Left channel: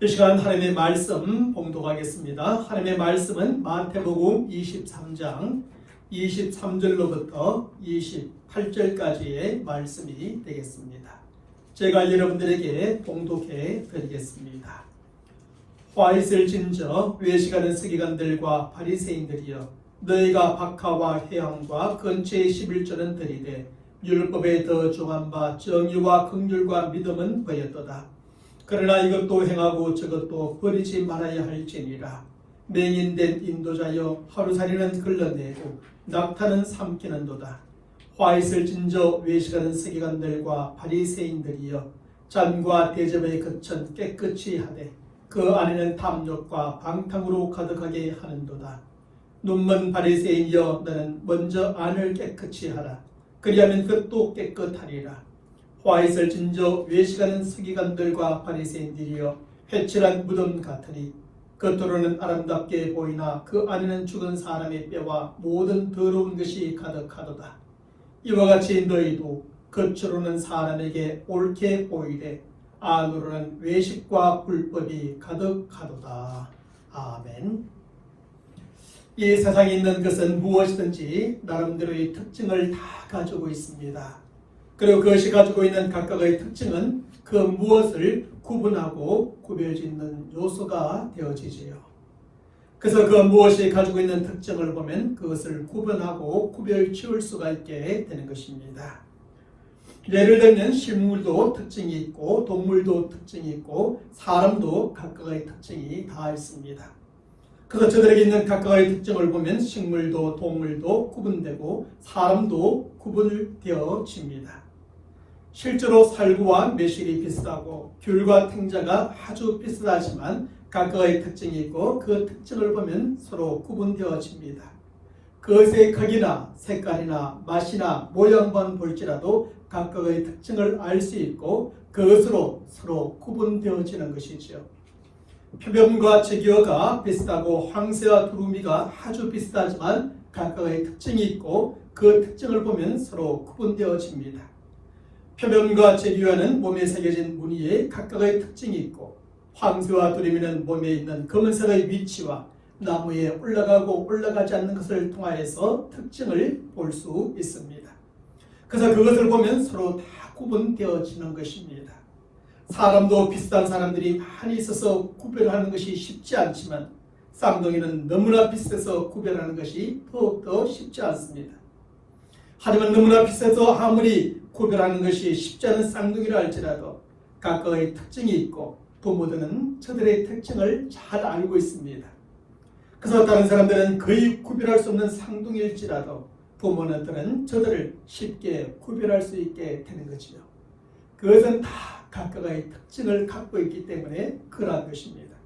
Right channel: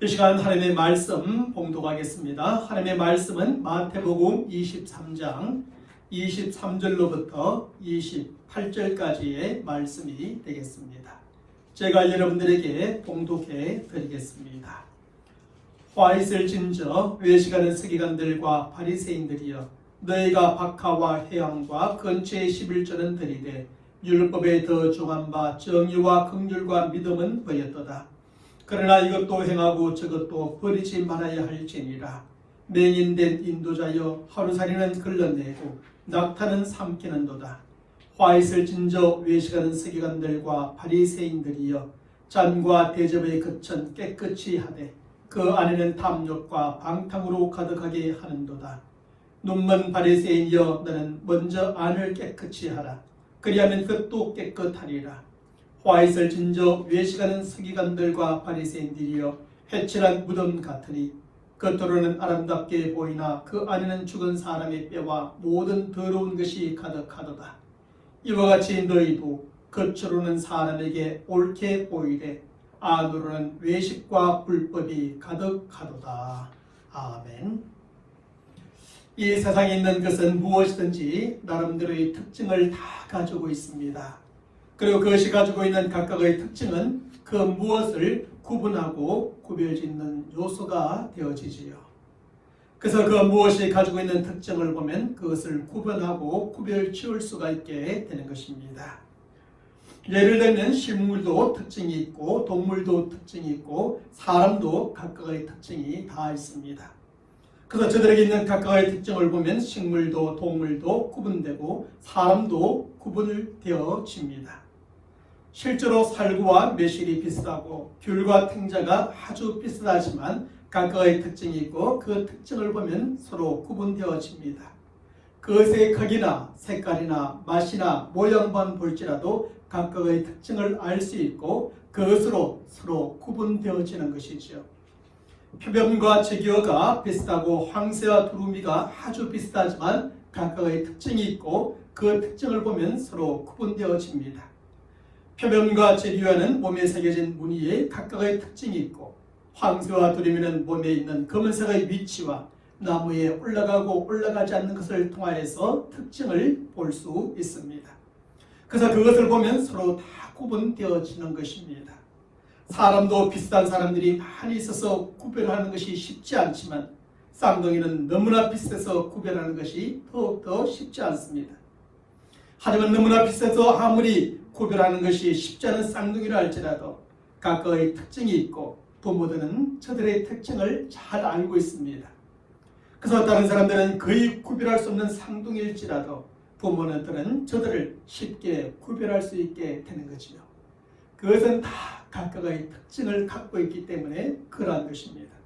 이 시간 하나님의 말씀 봉독하겠습니다. 하나님의 말씀은 마태복음 23장 23절로부터 28절까지의 말씀이 되겠습니다. 제가 여러분들에게 봉독해 드리겠습니다. 화 있을 진저 외식하는 서기관들과 바리새인들이여, 너희가 박하와 회향과 근처의 11조는 들이되 율법에 더 중한 바 정의와 긍휼과 믿음은 보였도다. 그러나 이것도 행하고 저것도 버리지 말아야 할지니라. 맹인된 인도자여, 하루살이는 걸러내고 낙타는 삼키는도다. 화 있을 진저 외식하는 서기관들과 바리새인들이여, 잔과 대접의 거천 깨끗이 하되 그 안에는 탐욕과 방탕으로 가득하게 하는도다. 눈먼 바리새인이여, 너는 먼저 안을 깨끗이 하라. 그리하면 그것도 깨끗하리라. 화 있을 진저 외식하는 서기관들과 바리새인들이여, 회칠한 무덤 같으니 겉으로는 아름답게 보이나 그 안에는 죽은 사람의 뼈와 모든 더러운 것이 가득하도다. 이와 같이 너희도 겉으로는 사람에게 옳게 보이되 안으로는 외식과 불법이 가득하도다. 아멘. 이 세상에 있는 것은 무엇이든지 나름대로의 특징을 다 가지고 있습니다. 그리고 그것이 가지고 있는 각각의 특징은 그 무엇을 구분하고 구별짓는 요소가 되어지지요. 그래서 그 무엇이 가지고 있는 특징을 보면 그것을 구분하고 구별지을 수가 있게 되는 것입니다. 예를 들면 식물도 특징이 있고 동물도 특징이 있고 사람도 각각의 특징이 다 있습니다. 그래서 저들에게 있는 각각의 특징을 보면 식물도 동물도 구분되고 사람도 구분되어집니다. 실제로 살구와 매실이 비슷하고 귤과 탱자가 아주 비슷하지만 각각의 특징이 있고 그 특징을 보면 서로 구분되어집니다. 그것의 크기나 색깔이나 맛이나 모양만 볼지라도 각각의 특징을 알 수 있고 그것으로 서로 구분되어지는 것이죠. 표범과 제기어가 비슷하고 황새와 두루미가 아주 비슷하지만 각각의 특징이 있고 그 특징을 보면 서로 구분되어집니다. 표범과 제기어는 몸에 새겨진 무늬에 각각의 특징이 있고 황새와 두루미는 몸에 있는 검은색의 위치와 나무에 올라가고 올라가지 않는 것을 통하여서 특징을 볼 수 있습니다. 그래서 그것을 보면 서로 다 구분되어지는 것입니다. 사람도 비슷한 사람들이 많이 있어서 구별하는 것이 쉽지 않지만 쌍둥이는 너무나 비슷해서 구별하는 것이 더욱더 쉽지 않습니다. 하지만 너무나 비슷해서 아무리 구별하는 것이 쉽지 않은 쌍둥이라 할지라도 각각의 특징이 있고 부모들은 저들의 특징을 잘 알고 있습니다. 그래서 다른 사람들은 거의 구별할 수 없는 쌍둥이일지라도 부모들은 저들을 쉽게 구별할 수 있게 되는 것이죠. 그것은 다 각각의 특징을 갖고 있기 때문에 그러한 것입니다.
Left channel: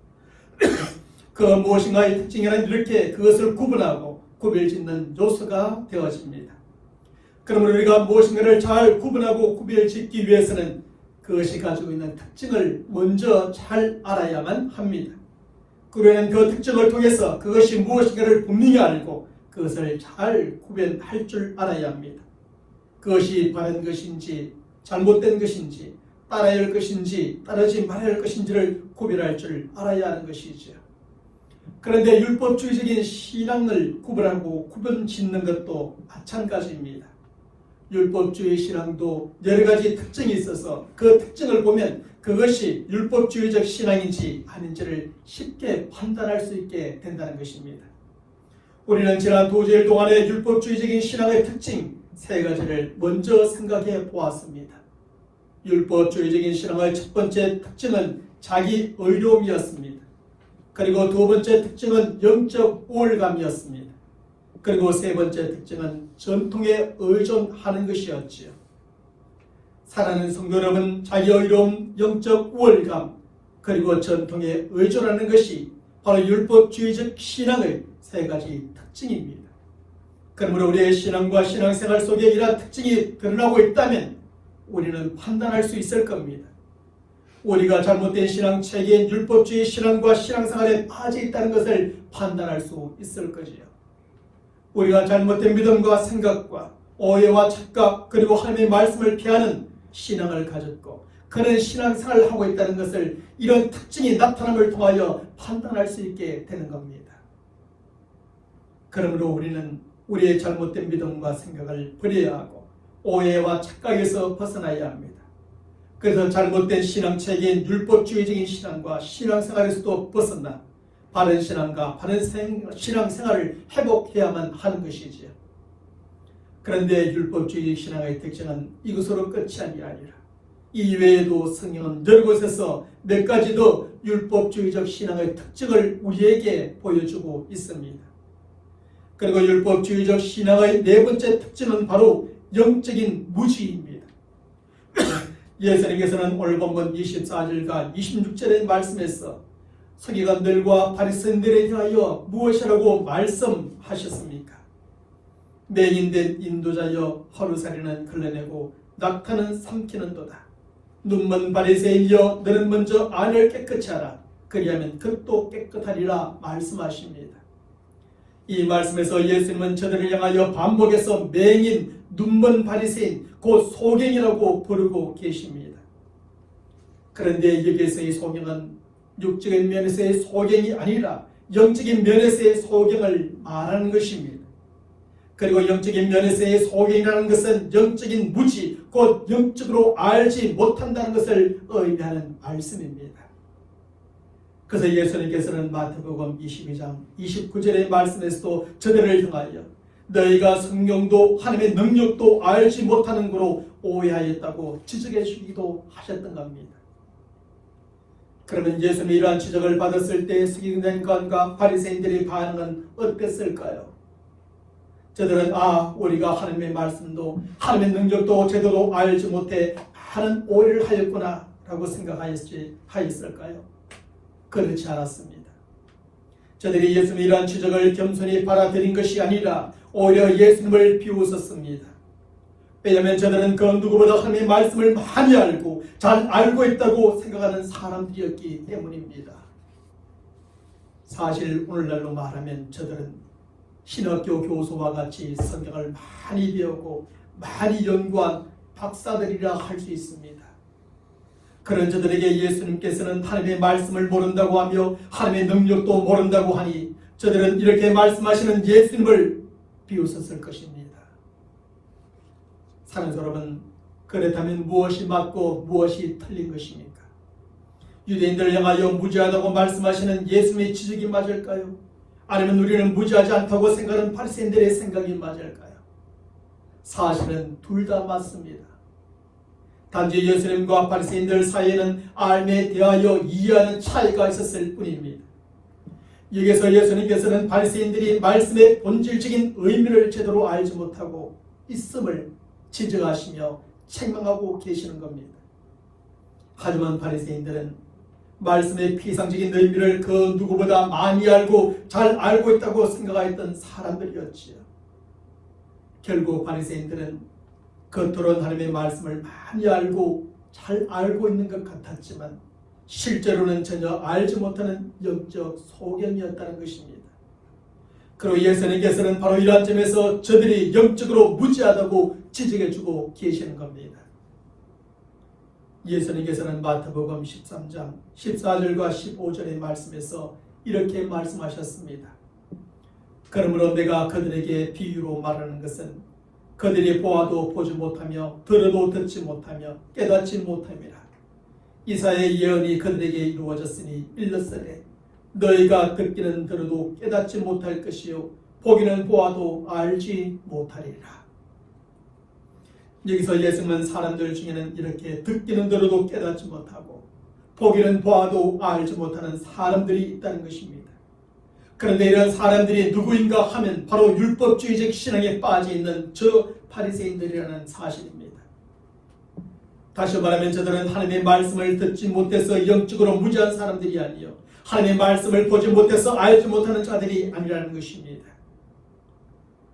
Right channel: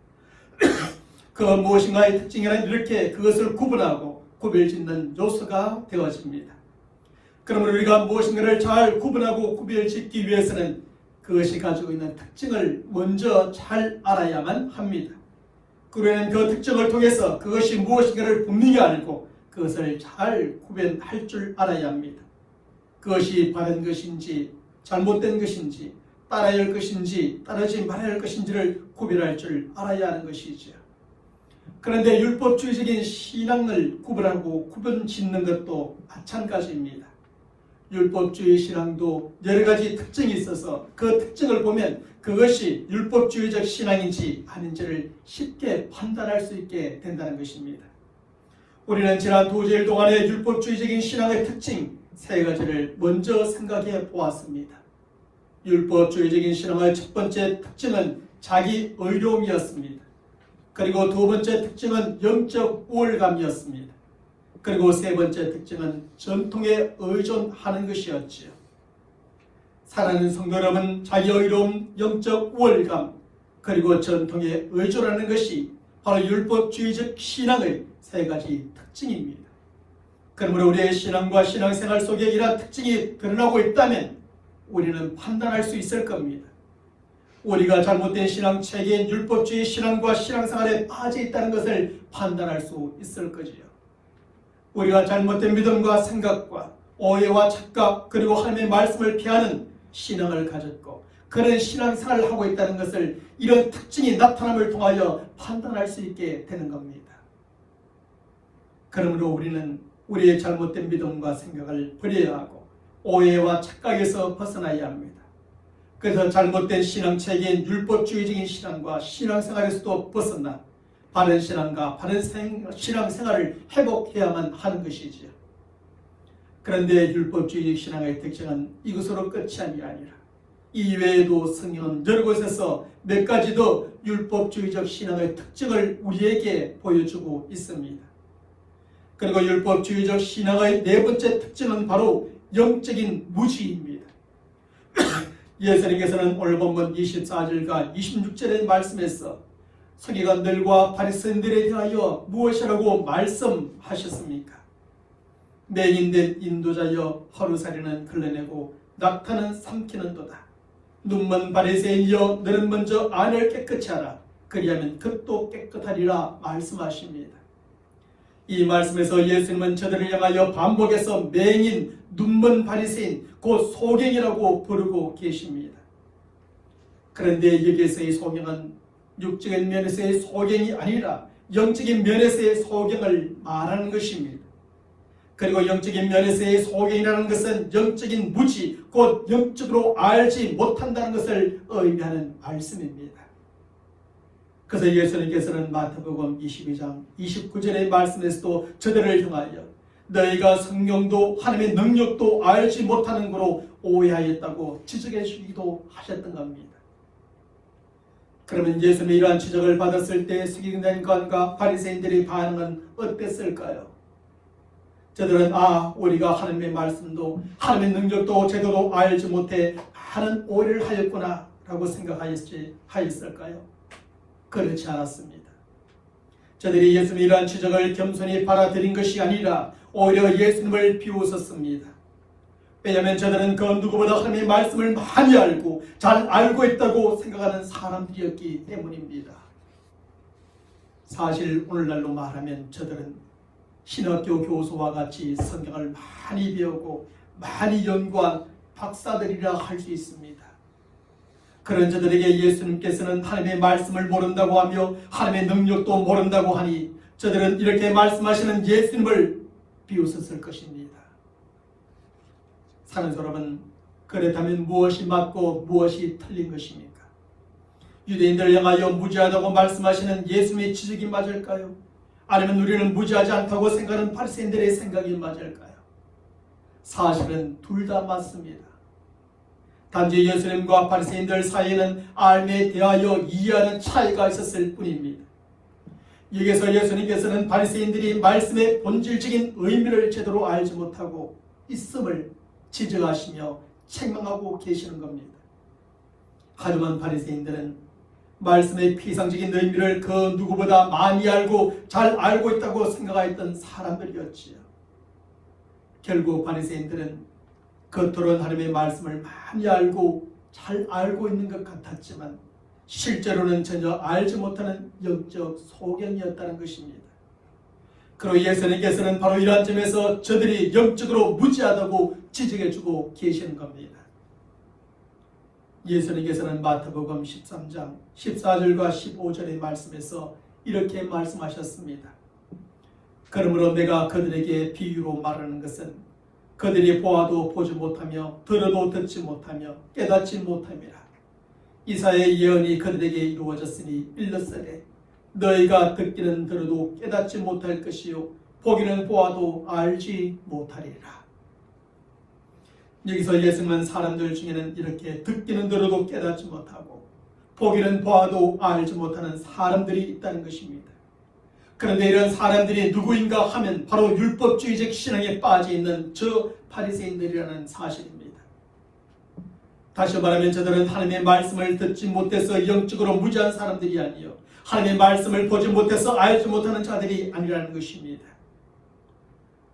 그 무엇인가의 특징에는 이렇게 그것을 구분하고 구별짓는 요소가 되어집니다. 그러므로 우리가 무엇인가를 잘 구분하고 구별짓기 위해서는 그것이 가지고 있는 특징을 먼저 잘 알아야만 합니다. 그러면 그 특징을 통해서 그것이 무엇인가를 분명히 알고 그것을 잘 구별할 줄 알아야 합니다. 그것이 바른 것인지 잘못된 것인지 따라야 할 것인지 따르지 말아야 할 것인지를 구별할 줄 알아야 하는 것이죠. 그런데 율법주의적인 신앙을 구분하고 구분짓는 것도 마찬가지입니다. 율법주의 신앙도 여러 가지 특징이 있어서 그 특징을 보면 그것이 율법주의적 신앙인지 아닌지를 쉽게 판단할 수 있게 된다는 것입니다. 우리는 지난 2주일 동안의 율법주의적인 신앙의 특징 3가지를 먼저 생각해 보았습니다. 율법주의적인 신앙의 첫 번째 특징은 자기 의로움이었습니다. 그리고 두 번째 특징은 영적 우월감이었습니다. 그리고 세 번째 특징은 전통에 의존하는 것이었지요. 사랑하는 성도 여러분, 자기 의로움, 영적 우월감, 그리고 전통에 의존하는 것이 바로 율법주의적 신앙의 3가지 특징입니다. 그러므로 우리의 신앙과 신앙생활 속에 이러한 특징이 드러나고 있다면 우리는 판단할 수 있을 겁니다. 우리가 잘못된 신앙 체계인 율법주의 신앙과 신앙생활에 빠져 있다는 것을 판단할 수 있을 거지요. 우리가 잘못된 믿음과 생각과 오해와 착각 그리고 하나님의 말씀을 피하는 신앙을 가졌고 그런 신앙생활을 하고 있다는 것을 이런 특징이 나타남을 통하여 판단할 수 있게 되는 겁니다. 그러므로 우리는 우리의 잘못된 믿음과 생각을 버려야 하고 오해와 착각에서 벗어나야 합니다. 그래서 잘못된 신앙체계인 율법주의적인 신앙과 신앙생활에서도 벗어나 바른 신앙과 바른 신앙생활을 회복해야만 하는 것이지요. 그런데 율법주의적 신앙의 특징은 이것으로 끝이 아니라 이외에도 성경은 여러 곳에서 몇 가지 더 율법주의적 신앙의 특징을 우리에게 보여주고 있습니다. 그리고 율법주의적 신앙의 네 번째 특징은 바로 영적인 무지입니다. 예수님께서는 오늘 본문 24절과 26절의 말씀에서 서기관들과 바리새인들에 대하여 무엇이라고 말씀하셨습니까? 맹인된 인도자여 하루살이는 걸러내고 낙타는 삼키는도다. 눈먼 바리새인이여 너는 먼저 안을 깨끗이 하라. 그리하면 겉도 깨끗하리라 말씀하십니다. 이 말씀에서 예수님은 저들을 향하여 반복해서 맹인, 눈먼 바리새인, 곧 소경이라고 부르고 계십니다. 그런데 여기에서의 소경은 육적인 면에서의 소경이 아니라 영적인 면에서의 소경을 말하는 것입니다. 그리고 영적인 면에서의 소경이라는 것은 영적인 무지, 곧 영적으로 알지 못한다는 것을 의미하는 말씀입니다. 그래서 예수님께서는 마태복음 22장 29절의 말씀에서도 저들을 향하여 너희가 성령도 하나님의 능력도 알지 못하는 거로 오해하였다고 지적해 주기도 하셨던 겁니다. 그러면 예수님이 이러한 지적을 받았을 때 서기관과 바리새인들의 반응은 어땠을까요? 저들은 우리가 하나님의 말씀도 하나님의 능력도 제대로 알지 못해 하는 오해를 하였구나 라고 생각하였을까요? 그렇지 않았습니다. 저들이 예수님의 이러한 지적을 겸손히 받아들인 것이 아니라 오히려 예수님을 비웃었습니다. 왜냐하면 저들은 그 누구보다 하나님의 말씀을 많이 알고 잘 알고 있다고 생각하는 사람들이었기 때문입니다. 사실 오늘날로 말하면 저들은 신학교 교수와 같이 성경을 많이 배우고 많이 연구한 박사들이라 할 수 있습니다. 그런 저들에게 예수님께서는 하나님의 말씀을 모른다고 하며 하나님의 능력도 모른다고 하니 저들은 이렇게 말씀하시는 예수님을 비웃었을 것입니다. 사는 여러분, 그렇다면 무엇이 맞고 무엇이 틀린 것입니까? 유대인들을 향하여 무지하다고 말씀하시는 예수님의 지적이 맞을까요? 아니면 우리는 무지하지 않다고 생각하는 바리새인들의 생각이 맞을까요? 사실은 둘 다 맞습니다. 단지 예수님과 바리새인들 사이에는 알에 대하여 이해하는 차이가 있었을 뿐입니다. 여기서 예수님께서는 바리새인들이 말씀의 본질적인 의미를 제대로 알지 못하고 있음을 지적하시며 책망하고 계시는 겁니다. 하지만 바리새인들은 말씀의 피상적인 의미를 그 누구보다 많이 알고 잘 알고 있다고 생각하였던 사람들이었지요. 결국 바리새인들은 겉으로는 하나님의 말씀을 많이 알고 잘 알고 있는 것 같았지만 실제로는 전혀 알지 못하는 영적 소경이었다는 것입니다. 그리고 예수님께서는 바로 이러한 점에서 저들이 영적으로 무지하다고 지적해주고 계시는 겁니다. 예수님께서는 마태복음 13장 14절과 15절의 말씀에서 이렇게 말씀하셨습니다. 그러므로 내가 그들에게 비유로 말하는 것은 그들이 보아도 보지 못하며 들어도 듣지 못하며 깨닫지 못함이라. 이사야의 예언이 그들에게 이루어졌으니 일렀으되 너희가 듣기는 들어도 깨닫지 못할 것이요 보기는 보아도 알지 못하리라. 여기서 예수님은 사람들 중에는 이렇게 듣기는 들어도 깨닫지 못하고 보기는 보아도 알지 못하는 사람들이 있다는 것입니다. 그런데 이런 사람들이 누구인가 하면 바로 율법주의적 신앙에 빠져 있는 저 바리새인들이라는 사실입니다. 다시 말하면 저들은 하나님의 말씀을 듣지 못해서 영적으로 무지한 사람들이 아니요 하나님의 말씀을 보지 못해서 알지 못하는 자들이 아니라는 것입니다.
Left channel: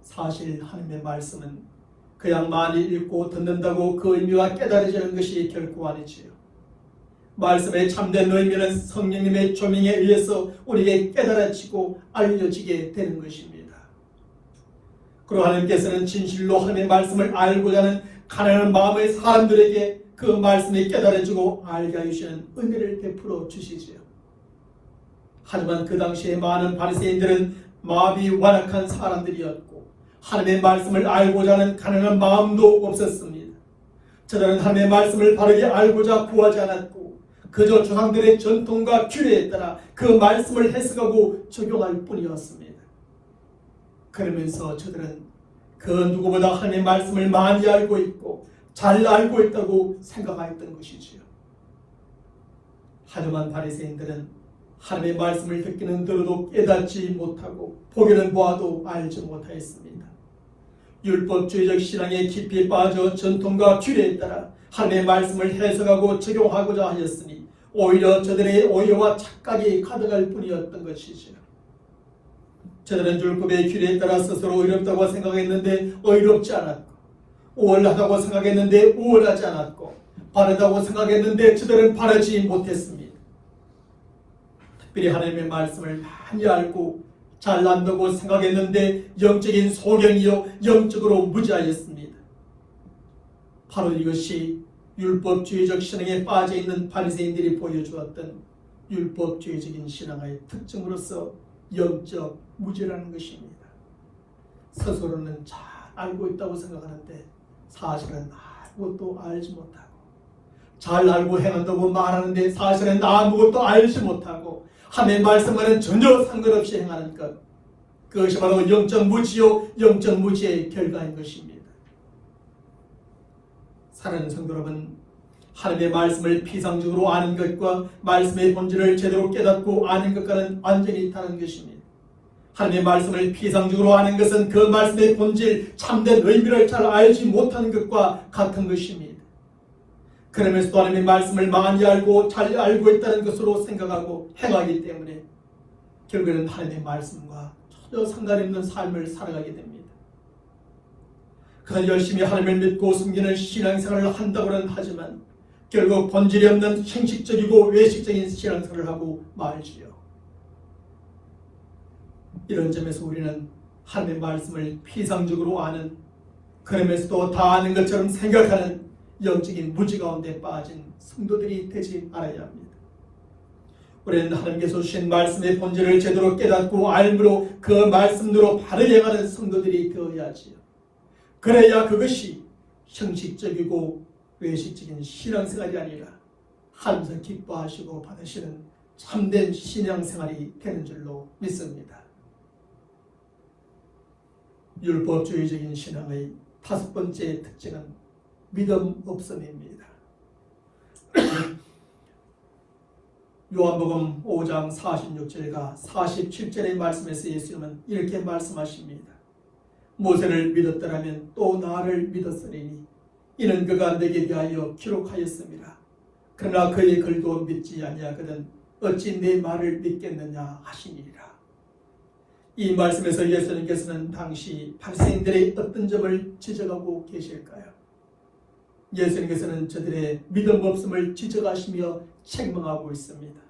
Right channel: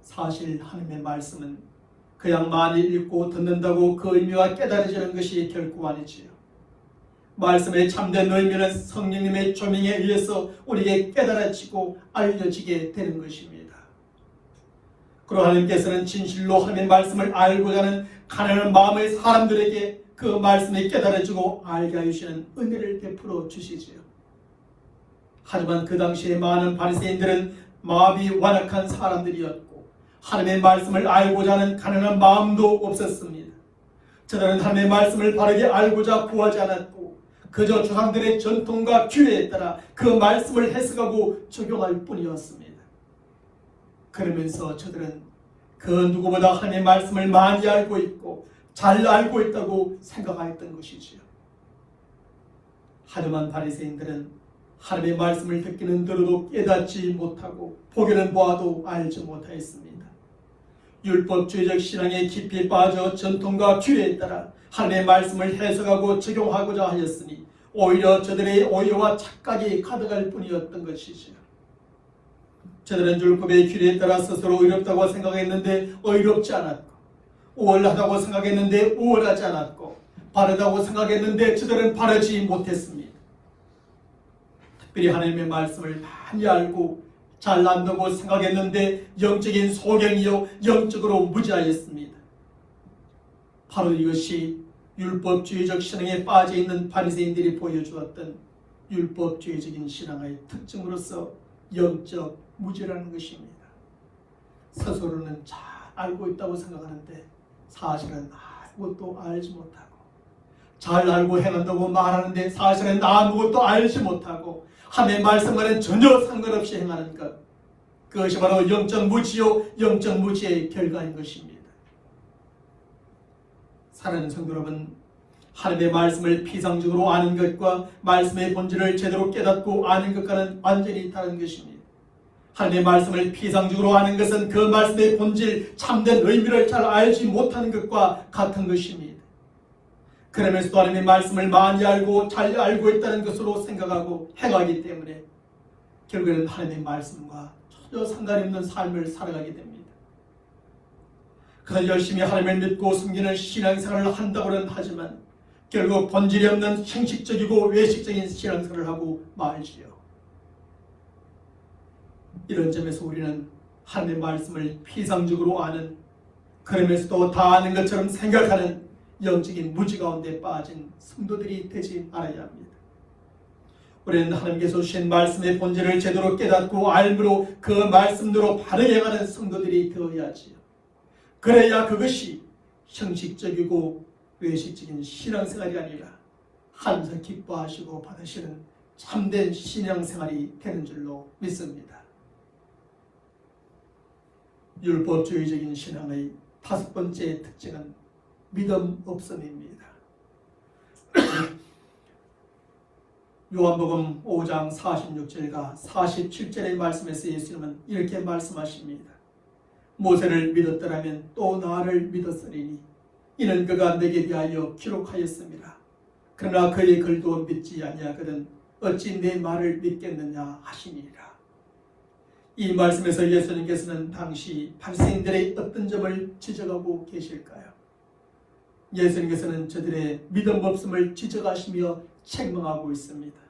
사실 하나님의 말씀은 그냥 많이 읽고 듣는다고 그 의미와 깨달아지는 것이 결코 아니지요. 말씀의 참된 의미는 성령님의 조명에 의해서 우리에게 깨달아지고 알려지게 되는 것입니다. 그리고 하나님께서는 진실로 하나님의 말씀을 알고자 하는 가난한 마음의 사람들에게 그 말씀이 깨달아지고 알게 하시는 은혜를 베풀어 주시지요. 하지만 그 당시에 많은 바리새인들은 마음이 완악한 사람들이었고 하나님의 말씀을 알고자 하는 가난한 마음도 없었습니다. 저들은 하나님의 말씀을 바르게 알고자 구하지 않았고 그저 조상들의 전통과 규례에 따라 그 말씀을 해석하고 적용할 뿐이었습니다. 그러면서 저들은 그 누구보다 하나님의 말씀을 많이 알고 있고 잘 알고 있다고 생각하였던 것이지요. 하지만 바리새인들은 하나님의 말씀을 듣기는 들어도 깨닫지 못하고 보기는 보아도 알지 못하였습니다. 율법주의적 신앙에 깊이 빠져 전통과 규례에 따라 하나님의 말씀을 해석하고 적용하고자 하였으니 오히려 저들의 오해와 착각이 가득할 뿐이었던 것이지요. 저들은 율법의 규례에 따라 스스로 의롭다고 생각했는데 의롭지 않았고 우월하다고 생각했는데 우월하지 않았고 바르다고 생각했는데 저들은 바르지 못했습니다. 특별히 하나님의 말씀을 많이 알고 잘 안다고 생각했는데 영적인 소경이요 영적으로 무지하였습니다. 바로 이것이 율법주의적 신앙에 빠져있는 바리새인들이 보여주었던 율법주의적인 신앙의 특징으로서 영적 무지라는 것입니다. 스스로는 잘 알고 있다고 생각하는데 사실은 아무것도 알지 못하고 잘 알고 행한다고 말하는데 사실은 아무것도 알지 못하고 하나님의 말씀과는 전혀 상관없이 행하는 것, 그것이 바로 영적 무지요 영적 무지의 결과인 것입니다. 사랑하는 성도 여러분, 하나님의 말씀을 피상적으로 아는 것과 말씀의 본질을 제대로 깨닫고 아는 것과는 완전히 다른 것입니다. 하나님의 말씀을 피상적으로 아는 것은 그 말씀의 본질, 참된 의미를 잘 알지 못하는 것과 같은 것입니다. 그러면서도 하나님의 말씀을 많이 알고 잘 알고 있다는 것으로 생각하고 행하기 때문에 결국에는 하나님의 말씀과 전혀 상관이 없는 삶을 살아가게 됩니다. 그는 열심히 하나님을 믿고 숨기는 신앙생활을 한다고는 하지만 결국 본질이 없는 형식적이고 외식적인 신앙생활을 하고 말지요. 이런 점에서 우리는 하나님의 말씀을 피상적으로 아는, 그러면서도 다 아는 것처럼 생각하는 영적인 무지 가운데 빠진 성도들이 되지 말아야 합니다. 우리는 하나님께서 주신 말씀의 본질을 제대로 깨닫고 알므로 그 말씀대로 바르게 가는 성도들이 되어야지요. 그래야 그것이 형식적이고 외식적인 신앙생활이 아니라 하나님께서 기뻐하시고 받으시는 참된 신앙생활이 되는 줄로 믿습니다. 율법주의적인 신앙의 다섯 번째 특징은 믿음 없음입니다. 요한복음 5장 46절과 47절의 말씀에서 예수님은 이렇게 말씀하십니다. 모세를 믿었더라면 또 나를 믿었으리니 이는 그가 내게 대하여 기록하였습니다. 그러나 그의 글도 믿지 아니하거든 어찌 내 말을 믿겠느냐 하시니라. 이 말씀에서 예수님께서는 당시 바리새인들의 어떤 점을 지적하고 계실까요? 예수님께서는 저들의 믿음 없음을 지적하시며 책망하고 있습니다.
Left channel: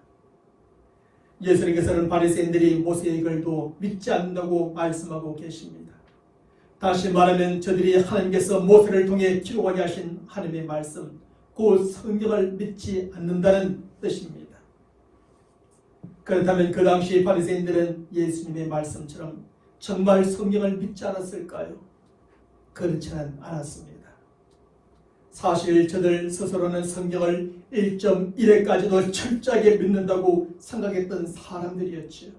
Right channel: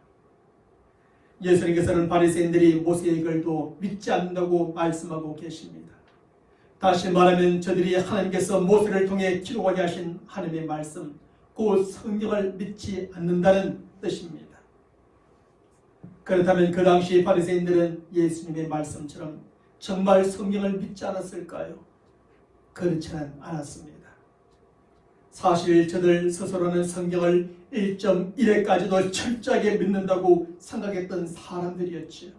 예수님께서는 바리새인들이 모세의 글도 믿지 않는다고 말씀하고 계십니다. 다시 말하면 저들이 하나님께서 모세를 통해 기록하게 하신 하나님의 말씀, 그 성경을 믿지 않는다는 뜻입니다. 그렇다면 그 당시 바리새인들은 예수님의 말씀처럼 정말 성경을 믿지 않았을까요? 그렇지는 않았습니다. 사실 저들 스스로는 성경을 1.1회까지도 철저하게 믿는다고 생각했던 사람들이었지요.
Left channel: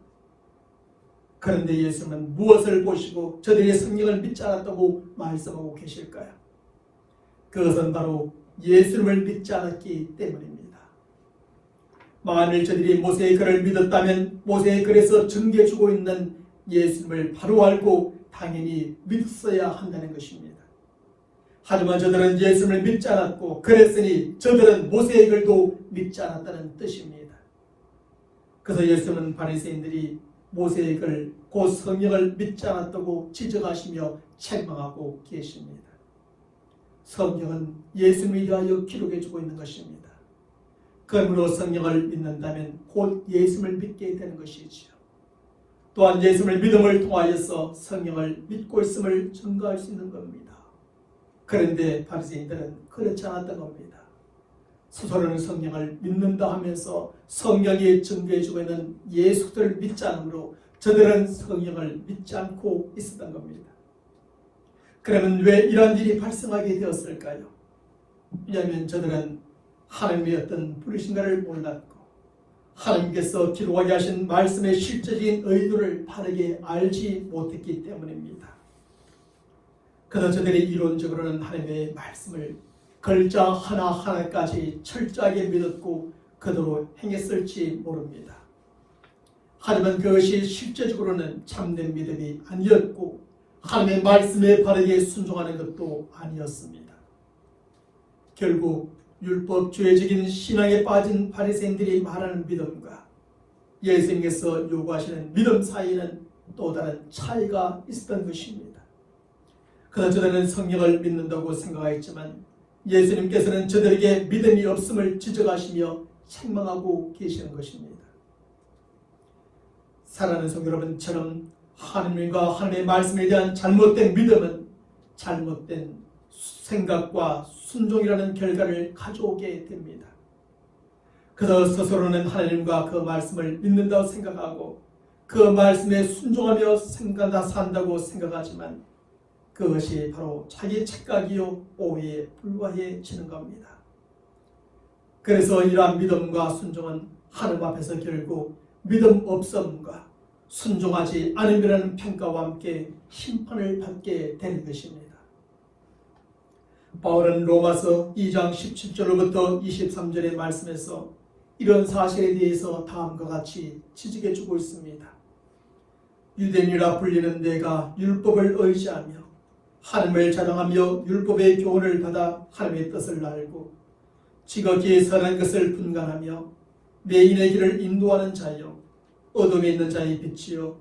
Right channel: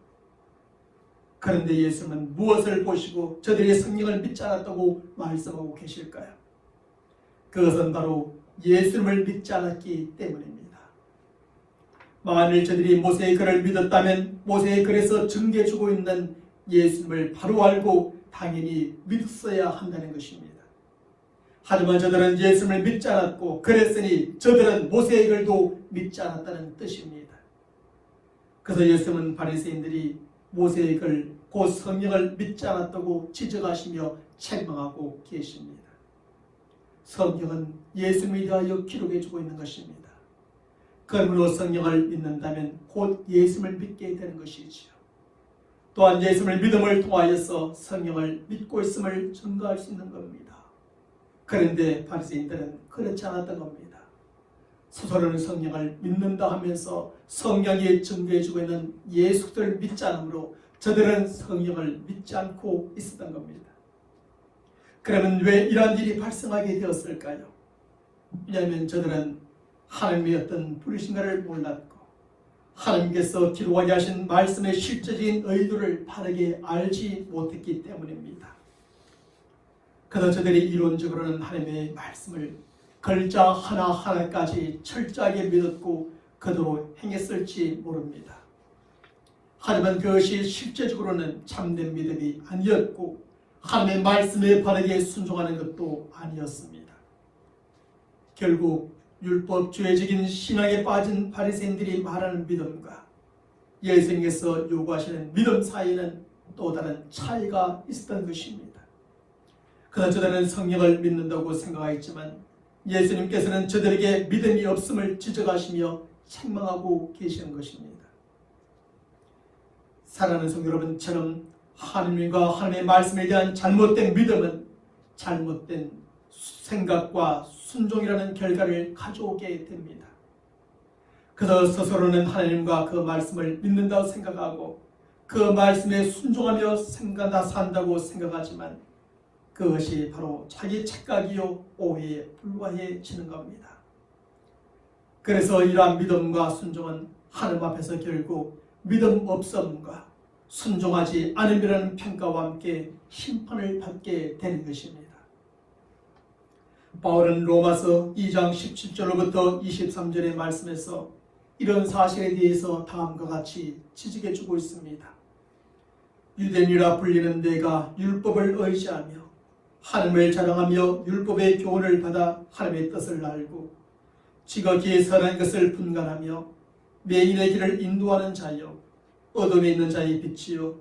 그런데 예수님은 무엇을 보시고 저들의 성경을 믿지 않았다고 말씀하고 계실까요? 그것은 바로 예수님을 믿지 않았기 때문입니다. 만일 저들이 모세의 글을 믿었다면 모세의 글에서 증거해주고 있는 예수님을 바로 알고 당연히 믿었어야 한다는 것입니다. 하지만 저들은 예수님을 믿지 않았고 그랬으니 저들은 모세의 글도 믿지 않았다는 뜻입니다. 그래서 예수님은 바리새인들이 모세의 글, 곧 성경을 믿지 않았다고 지적하시며 책망하고 계십니다. 성경은 예수님에 대하여 기록해주고 있는 것입니다. 그러므로 성경을 믿는다면 곧 예수님을 믿게 되는 것이지요. 또한 예수님을 믿음을 통하여서 성경을 믿고 있음을 증거할 수 있는 겁니다. 그런데 바리새인들은 그렇지 않았던 겁니다. 스스로는 성령을 믿는다 하면서 성경이 증거해주고 있는 예수를 믿지 않으므로 저들은 성령을 믿지 않고 있었던 겁니다. 그러면 왜 이런 일이 발생하게 되었을까요? 왜냐하면 저들은 하나님의 어떤 부르심과를 몰랐고 하나님께서 기록하게 하신 말씀의 실제적인 의도를 바르게 알지 못했기 때문입니다. 그래서 저들이 이론적으로는 하나님의 말씀을 글자 하나하나까지 철저하게 믿었고 그대로 행했을지 모릅니다. 하지만 그것이 실제적으로는 참된 믿음이 아니었고 하나님의 말씀에 바르게 순종하는 것도 아니었습니다. 결국 율법주의적인 신앙에 빠진 바리새인들이 말하는 믿음과 예수님께서 요구하시는 믿음 사이에는 또 다른 차이가 있었던 것입니다. 그러나 저들은 성령을 믿는다고 생각했지만 예수님께서는 저들에게 믿음이 없음을 지적하시며 책망하고 계시는 것입니다. 사랑하는 성도 여러분처럼 하나님과 하나님의 말씀에 대한 잘못된 믿음은 잘못된 생각과 순종이라는 결과를 가져오게 됩니다. 그래서 스스로는 하나님과 그 말씀을 믿는다고 생각하고 그 말씀에 순종하며 산다고 생각하지만 그것이 바로 자기 착각이요 오해에 불과해지는 겁니다. 그래서 이러한 믿음과 순종은 하나님 앞에서 결국 믿음 없음과 순종하지 않음이라는 평가와 함께 심판을 받게 되는 것입니다. 바울은 로마서 2장 17절로부터 23절의 말씀에서 이런 사실에 대해서 다음과 같이 지적해주고 있습니다. 유대인이라 불리는 내가 율법을 의지하며 하나님을 자랑하며 율법의 교훈을 받아 하나님의 뜻을 알고 지극히 선한 것을 분간하며 매인의 길을 인도하는 자여 어둠에 있는 자의 빛이요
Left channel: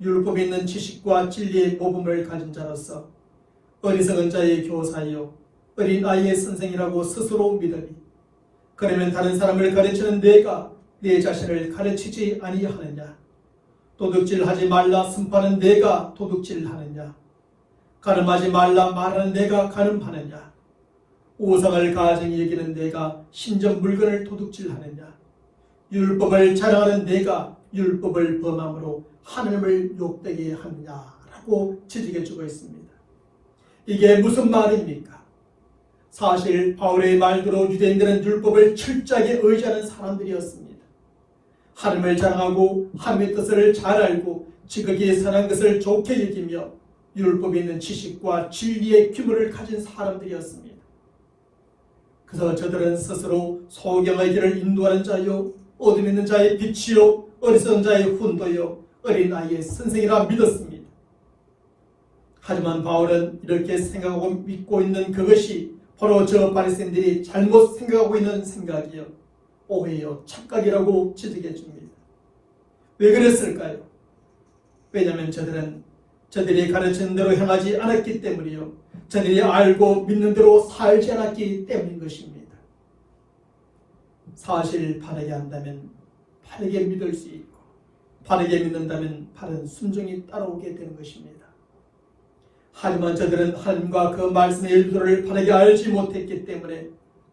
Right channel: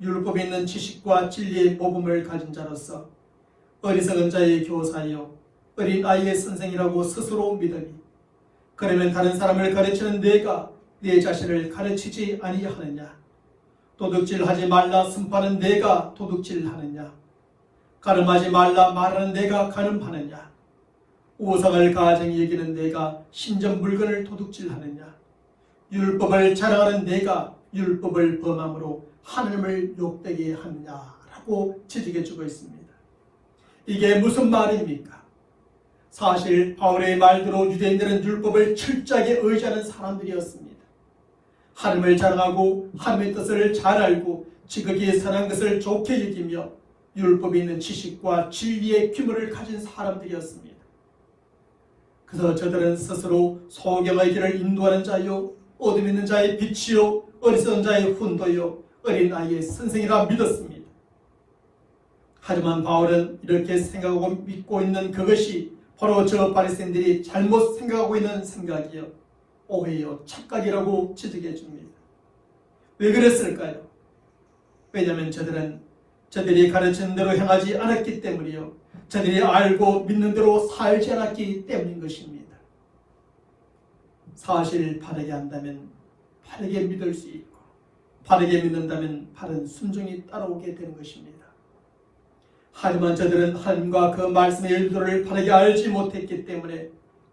율법에 있는 지식과 진리의 모범을 가진 자로서 어리석은 자의 교사여 어린 아이의 선생이라고 스스로 믿으니 그러면 다른 사람을 가르치는 내가 내 자신을 가르치지 아니하느냐? 도둑질하지 말라 선포하는 내가 도둑질하느냐? 간음하지 말라 말하는 내가 간음하느냐? 우상을 가증히 여기는 내가 신전 물건을 도둑질하느냐? 율법을 자랑하는 내가 율법을 범함으로 하나님을 욕되게 하느냐라고 지적해주고 있습니다. 이게 무슨 말입니까? 사실 바울의 말대로 유대인들은 율법을 철저하게 의지하는 사람들이었습니다. 하나님을 자랑하고 하나님의 뜻을 잘 알고 지극히 선한 것을 좋게 여기며 율법에 있는 지식과 진리의 규모를 가진 사람들이었습니다. 그래서 저들은 스스로 소경의 길을 인도하는 자요 어둠에 있는 자의 빛이요 어리석은 자의 훈도요 어린 아이의 선생이라 믿었습니다. 하지만 바울은 이렇게 생각하고 믿고 있는 그것이 바로 저 바리새인들이 잘못 생각하고 있는 생각이요 오해요 착각이라고 지적해 줍니다. 왜 그랬을까요? 왜냐하면 저들이 가르치는 대로 행하지 않았기 때문이요 저들이 알고 믿는 대로 살지 않았기 때문인 것입니다. 사실 바르게 한다면 바르게 믿을 수 있고 바르게 믿는다면 바른 순종이 따라오게 되는 것입니다. 하지만 저들은 하나님과 그 말씀의 의도를 바르게 알지 못했기 때문에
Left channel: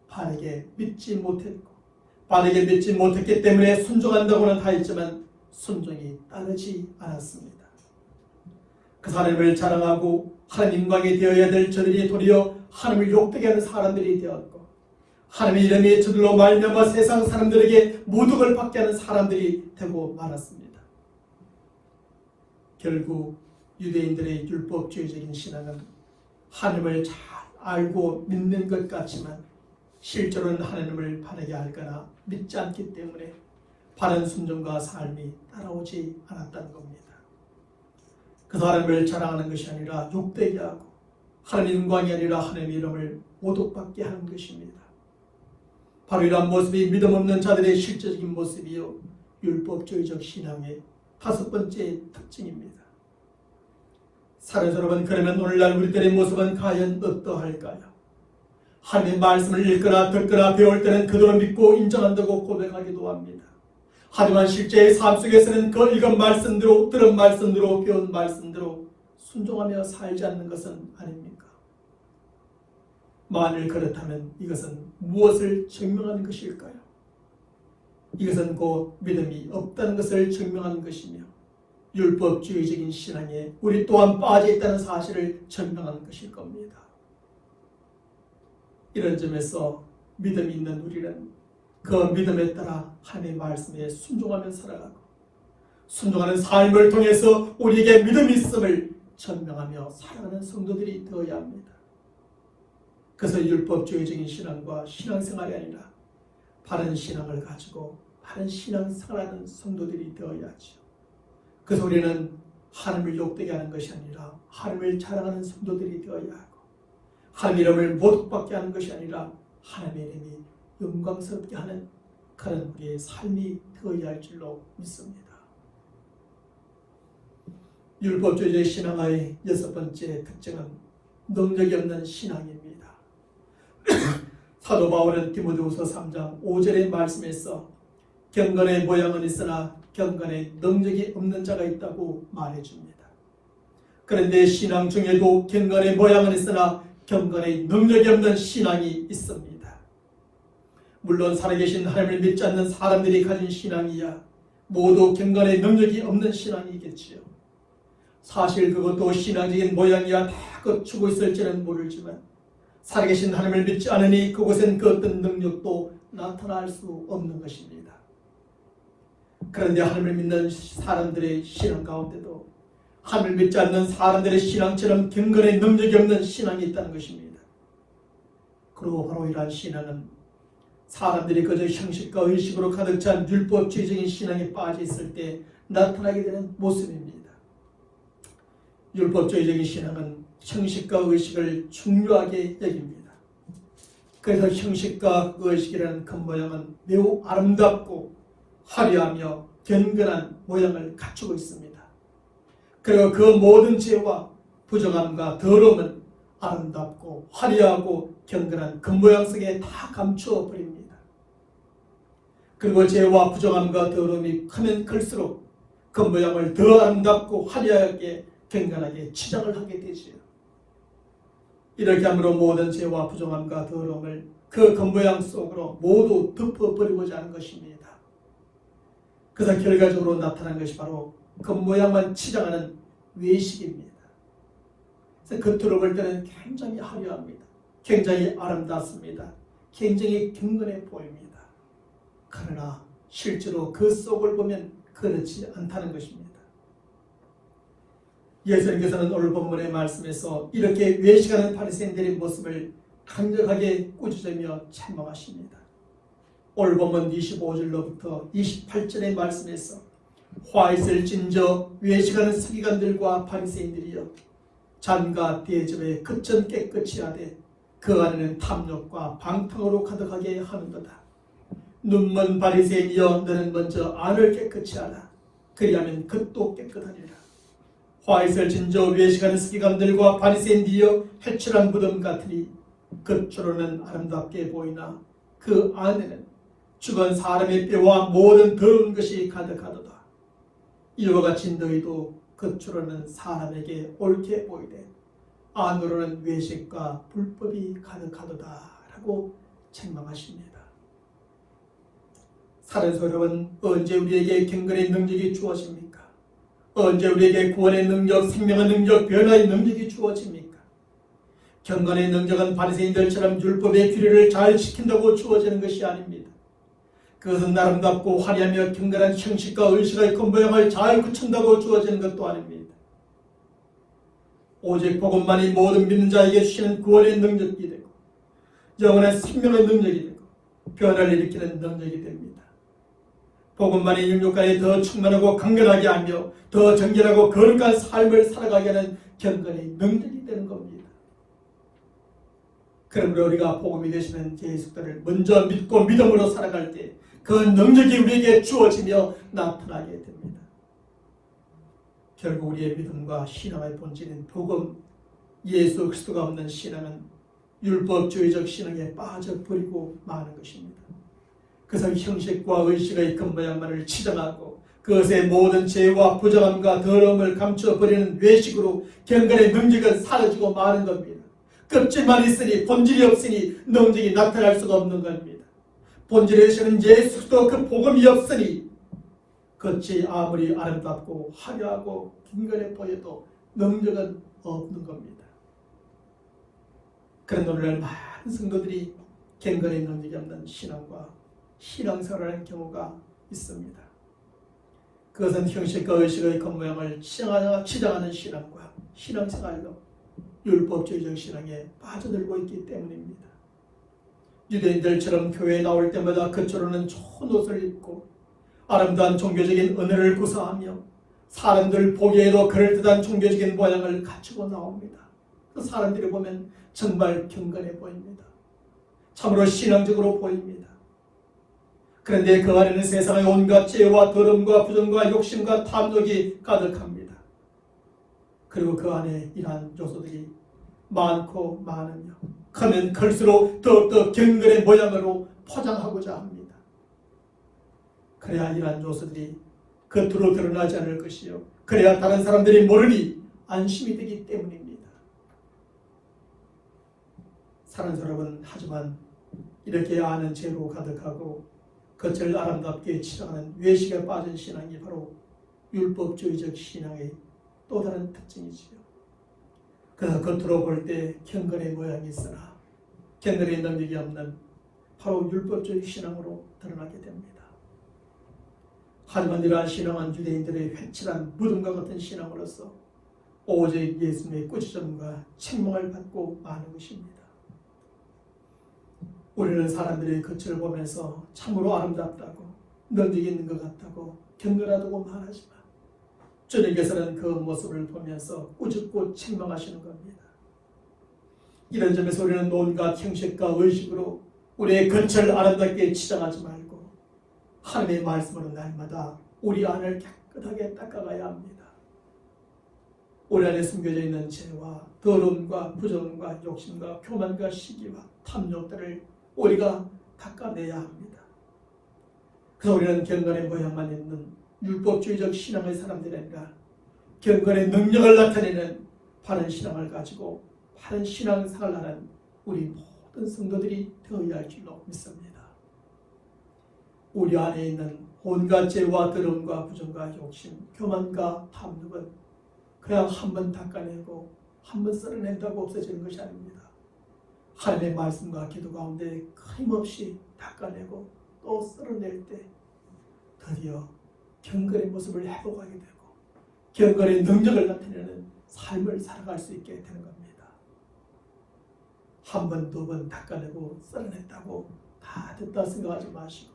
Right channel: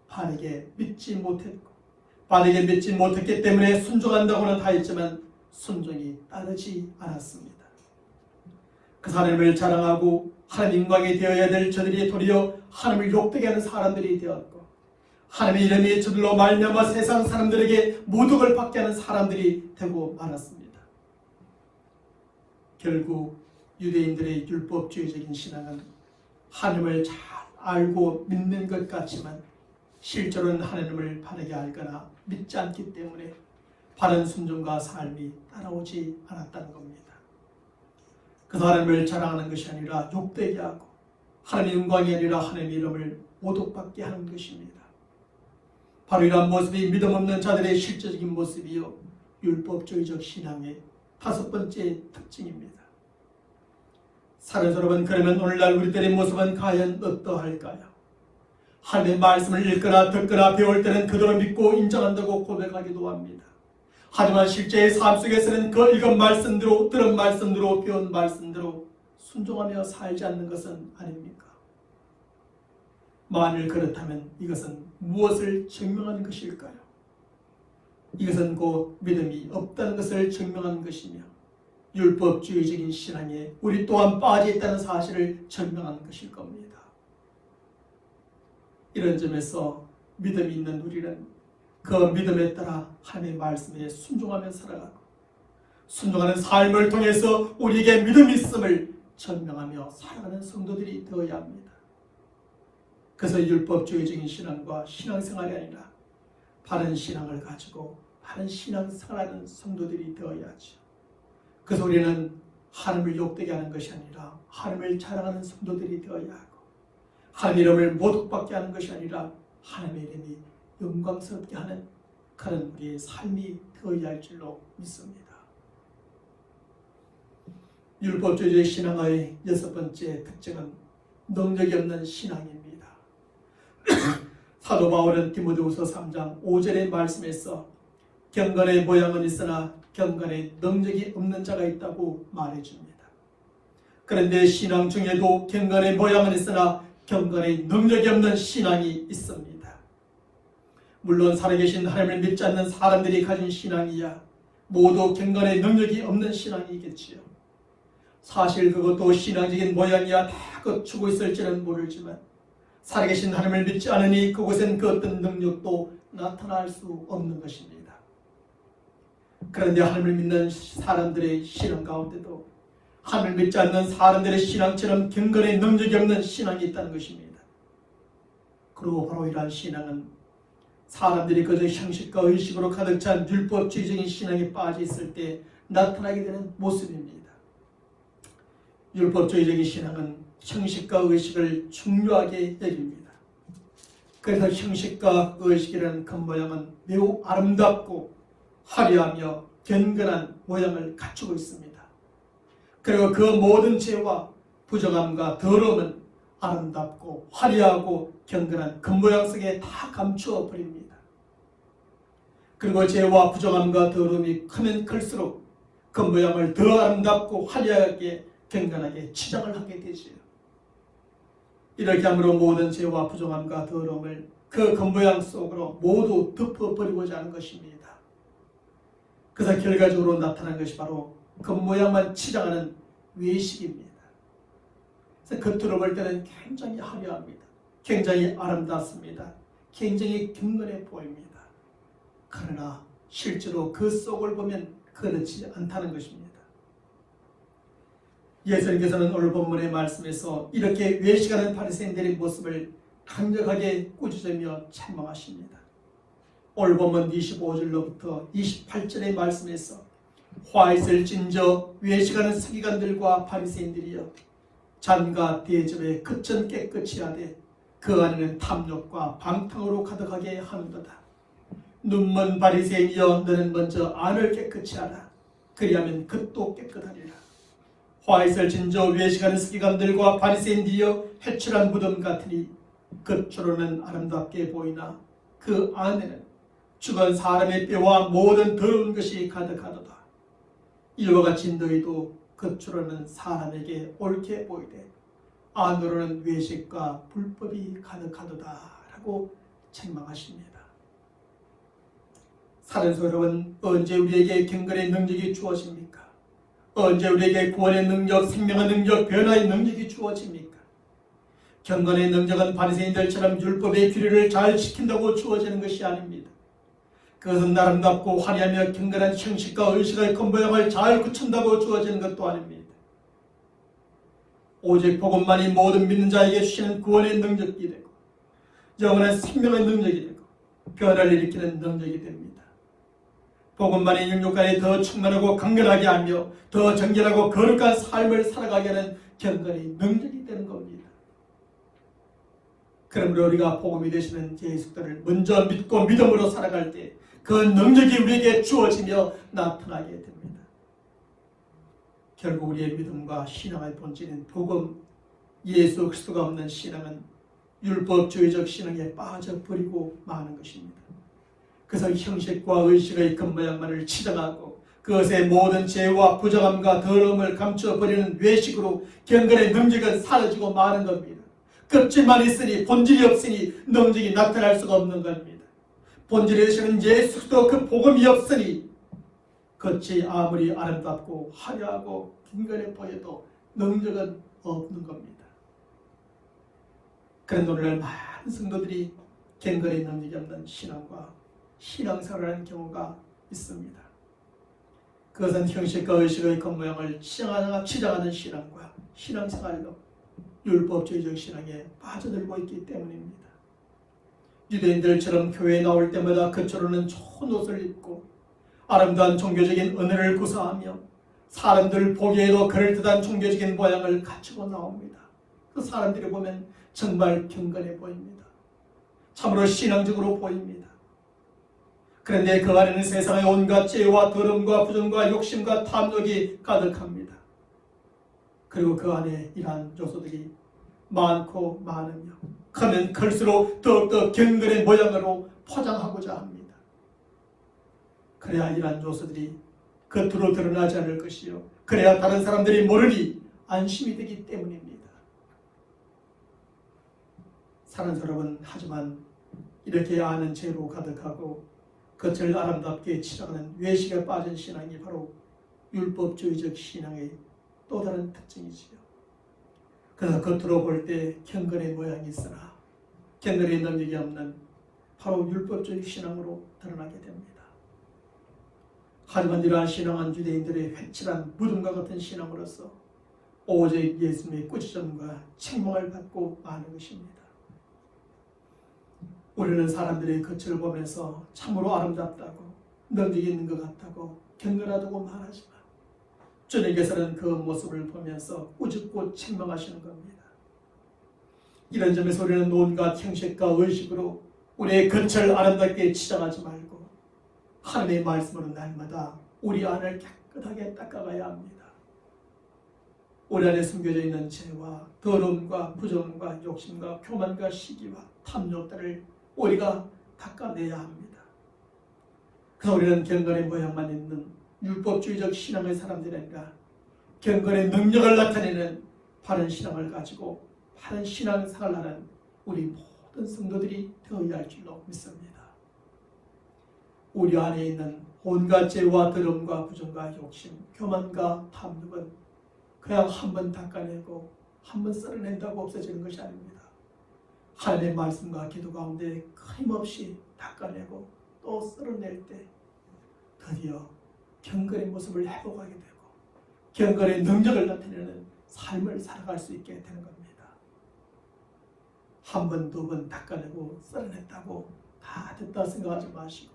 바르게 믿지 못했고 바르게 믿지 못했기 때문에 순종한다고는 하였지만 순종이 따르지 않았습니다. 그 하나님을 자랑하고 하나님 영광이 되어야 될 저들이 도리어 하나님을 욕되게 하는 사람들이 되었고 하나님의 이름이 저들로 말미암아 세상 사람들에게 모독을 받게 하는 사람들이 되고 말았습니다. 결국 유대인들의 율법주의적인 신앙은 하나님을 잘 알고 믿는 것 같지만 실제로는 하나님을 바르게 알거나 믿지 않기 때문에 바른 순종과 삶이 따라오지 않았다는 겁니다. 그 하나님을 자랑하는 것이 아니라 욕되게 하고 하나님 영광이 아니라 하나님의 이름을 모독받게 하는 것입니다. 바로 이러한 모습이 믿음 없는 자들의 실제적인 모습이요 율법주의적 신앙의 다섯 번째 특징입니다. 사랑하는 여러분, 그러면 오늘날 우리들의 모습은 과연 어떠할까요? 하나님의 말씀을 읽거나 듣거나 배울 때는 그대로 믿고 인정한다고 고백하기도 합니다. 하지만 실제의 삶 속에서는 그 읽은 말씀대로 들은 말씀대로 배운 말씀대로 순종하며 살지 않는 것은 아닙니까? 만일 그렇다면 이것은 무엇을 증명하는 것일까요? 이것은 곧 믿음이 없다는 것을 증명하는 것이며 율법주의적인 신앙에 우리 또한 빠져 있다는 사실을 증명하는 것일 겁니다. 이런 점에서 믿음이 있는 우리는 그 믿음에 따라 하나님의 말씀에 순종하며 살아가고 순종하는 삶을 통해서 우리에게 믿음이 있음을 증명하며 살아가는 성도들이 되어야 합니다. 그래서 율법주의적인 신앙과 신앙생활이 아니라 바른 신앙을 가지고 바른 신앙생활하는 성도들이 되어야죠. 그래서 우리는 하나님을 욕되게 하는 것이 아니라 하나님을 자랑하는 성도들이 되어야 하고 하나님의 이름을 모독받게 하는 것이 아니라 하나님의 이름이 영광스럽게 하는 그런 우리의 삶이 되어야 할 줄로 믿습니다. 율법주의적 신앙의 여섯 번째 특징은 능력이 없는 신앙입니다. 사도 바울은 디모데후서 3장 5절의 말씀에서 경건의 모양은 있으나 경건의 능력이 없는 자가 있다고 말해줍니다. 그런데 신앙 중에도 경건의 모양은 있으나 경건의 능력이 없는 신앙이 있습니다. 물론 살아계신 하나님을 믿지 않는 사람들이 가진 신앙이야 모두 경건의 능력이 없는 신앙이겠지요. 사실 그것도 신앙적인 모양이야 다 갖추고 있을지는 모르지만 살아계신 하나님을 믿지 않으니 그곳엔 그 어떤 능력도 나타날 수 없는 것입니다. 그런데 하나님을 믿는 사람들의 신앙 가운데도 하나님을 믿지 않는 사람들의 신앙처럼 경건의 능력이 없는 신앙이 있다는 것입니다. 그리고 바로 이러한 신앙은 사람들이 그저 형식과 의식으로 가득 찬 율법주의적인 신앙에 빠져 있을 때 나타나게 되는 모습입니다. 율법주의적인 신앙은 형식과 의식을 중요하게 여깁니다. 그래서 형식과 의식이라는 겉모양은 매우 아름답고 화려하며 견건한 모양을 갖추고 있습니다. 그리고 그 모든 죄와 부정함과 더러움은 아름답고 화려하고 견건한 겉모양 속에 다 감추어 버립니다. 그리고 죄와 부정함과 더러움이 크면 클수록 겉모양을 더 아름답고 화려하게 경건하게 치장을 하게 되지요. 이렇게 함으로 모든 죄와 부정함과 더러움을 그 겉모양 속으로 모두 덮어버리고자 하는 것입니다. 그래서 결과적으로 나타난 것이 바로 겉모양만 치장하는 외식입니다. 그래서 겉으로 볼 때는 굉장히 화려합니다. 굉장히 아름답습니다. 굉장히 경건해 보입니다. 그러나 실제로 그 속을 보면 그렇지 않다는 것입니다. 예수님께서는 오늘 본문의 말씀에서 이렇게 외식하는 바리새인들의 모습을 강력하게 꾸짖으며 책망하십니다. 오늘 본문 25절로부터 28절의 말씀에서 화 있을 진저 외식하는 서기관들과 바리새인들이여 잔과 대접에 그천 깨끗이 하되 그 안에는 탐욕과 방탕으로 가득하게 하는도다. 눈먼 바리새인이여 너는 먼저 안을 깨끗이 하라. 그리하면 겉도 깨끗하리라. 화 있을 진저 외식하는 서기관들과 바리새인들이여 해출한 무덤 같으니 겉으로는 아름답게 보이나 그 안에는 죽은 사람의 뼈와 모든 더러운 것이 가득하도다. 이와 같이 너희도 겉으로는 사람에게 옳게 보이되 안으로는 외식과 불법이 가득하도다 라고 책망하십니다. 사랑스러운 언제 우리에게 경건의 능력이 주어집니까? 언제 우리에게 구원의 능력, 생명의 능력, 변화의 능력이 주어집니까? 경건의 능력은 바리새인들처럼 율법의 규례를 잘 지킨다고 주어지는 것이 아닙니다. 그것은 아름답고 화려하며 경건한 형식과 의식의 겉모양을 잘 갖춘다고 주어지는 것도 아닙니다. 오직 복음만이 모든 믿는 자에게 주시는 구원의 능력이 되고 영원한 생명의 능력이 되고 변화를 일으키는 능력이 됩니다. 복음만이 영육간에 더 충만하고 강건하게 하며 더 정결하고 거룩한 삶을 살아가게 하는 경건의 능력이 되는 겁니다. 그러므로 우리가 복음이 되시는 예수님을 먼저 믿고 믿음으로 살아갈 때 그 능력이 우리에게 주어지며 나타나게 됩니다. 결국 우리의 믿음과 신앙의 본질인 복음, 예수 그리스도가 없는 신앙은 율법주의적 신앙에 빠져버리고 마는 것입니다. 그래서 형식과 의식의 겉모양만을 치장하고 그것의 모든 죄와 부정함과 더러움을 감추어버리는 외식으로 경건의 능력은 사라지고 마는 겁니다. 껍질만 있으니 본질이 없으니 능력이 나타날 수가 없는 겁니다. 본질에 계시는 예수도 그 복음이 없으니 겉이 아무리 아름답고 화려하고 경건해 보여도 능력은 없는 겁니다. 그런데 오늘날 많은 성도들이 경건의 능력이 없는 신앙과 신앙생활을 하는 경우가 있습니다. 그것은 형식과 의식의 겉모양을 치장하는 신앙과 신앙생활로 율법주의적 신앙에 빠져들고 있기 때문입니다. 유대인들처럼 교회에 나올 때마다 겉으로는 좋은 옷을 입고 아름다운 종교적인 은혜를 구사하며 사람들 보기에도 그럴듯한 종교적인 모양을 갖추고 나옵니다. 그 사람들이 보면 정말 경건해 보입니다. 참으로 신앙적으로 보입니다. 그런데 그 안에는 세상의 온갖 죄와 더러움과 부정과 욕심과 탐욕이 가득합니다. 그리고 그 안에 이러한 요소들이 많고 많으며 크면 클수록 더욱더 경건의 모양으로 포장하고자 합니다. 그래야 이러한 요소들이 겉으로 드러나지 않을 것이요, 그래야 다른 사람들이 모르니 안심이 되기 때문입니다. 사랑하는 여러분, 하지만 이렇게 아는 죄로 가득하고 겉을 아름답게 치장하는 외식에 빠진 신앙이 바로 율법주의적 신앙의 또 다른 특징이지요. 그러나 겉으로 볼 때 경건의 모양이 있으나 경건의 능력이 없는 바로 율법주의 신앙으로 드러나게 됩니다. 하지만 이러한 신앙은 유대인들의 회칠한 무덤과 같은 신앙으로서 오직 예수님의 꾸짖음과 책망을 받고 마는 것입니다. 우리는 사람들의 겉을 보면서 참으로 아름답다고 능력이 있는 것 같다고 경건하다고 말하지만 주님께서는 그 모습을 보면서 꾸짖고 책망하시는 겁니다. 이런 점에서 우리는 온갖 형식과 의식으로 우리의 겉을 아름답게 치장하지 말고 하나님의 말씀으로 날마다 우리 안을 깨끗하게 닦아가야 합니다. 우리 안에 숨겨져 있는 죄와 더러움과 부정과 욕심과 교만과 시기와 탐욕들을 우리가 닦아내야 합니다. 그래서 우리는 경건의 모양만 있는 율법주의적 신앙의 사람들이 아니라 경건의 능력을 나타내는 바른 신앙을 가지고 바른 신앙생활을 하는 우리 모든 성도들이 되어야 할 줄로 믿습니다. 우리 안에 있는 온갖 죄와 더러움과 부정과 욕심, 교만과 탐욕은 그냥 한번 닦아내고 한번 썰어낸다고 없어지는 것이 아닙니다. 하나님의 말씀과 기도 가운데 끊임없이 닦아내고 또 썰어낼 때 드디어 경건의 모습을 회복하게 되고 경건의 능력을 나타내는 삶을 살아갈 수 있게 되는 겁니다. 한 번, 두 번 닦아내고 썰어냈다고 다 됐다 생각하지 마시고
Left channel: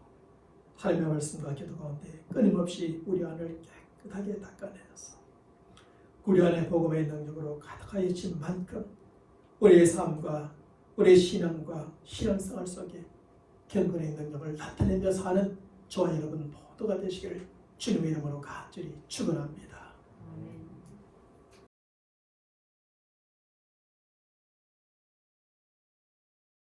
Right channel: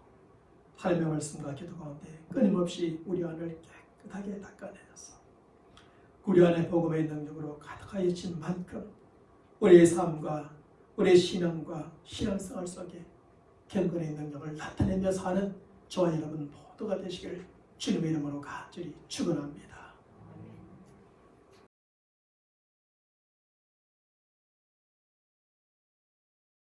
하나님의 말씀과 기도 가운데 끊임없이 우리 안을 깨끗하게 닦아내셔서 우리 안에 복음의 능력으로 가득하여진 만큼 우리의 삶과 우리의 신앙과 신앙생활 속에 경건의 능력을 나타내며 사는 저와 여러분 모두가 되시기를 주님의 이름으로 간절히 축원합니다.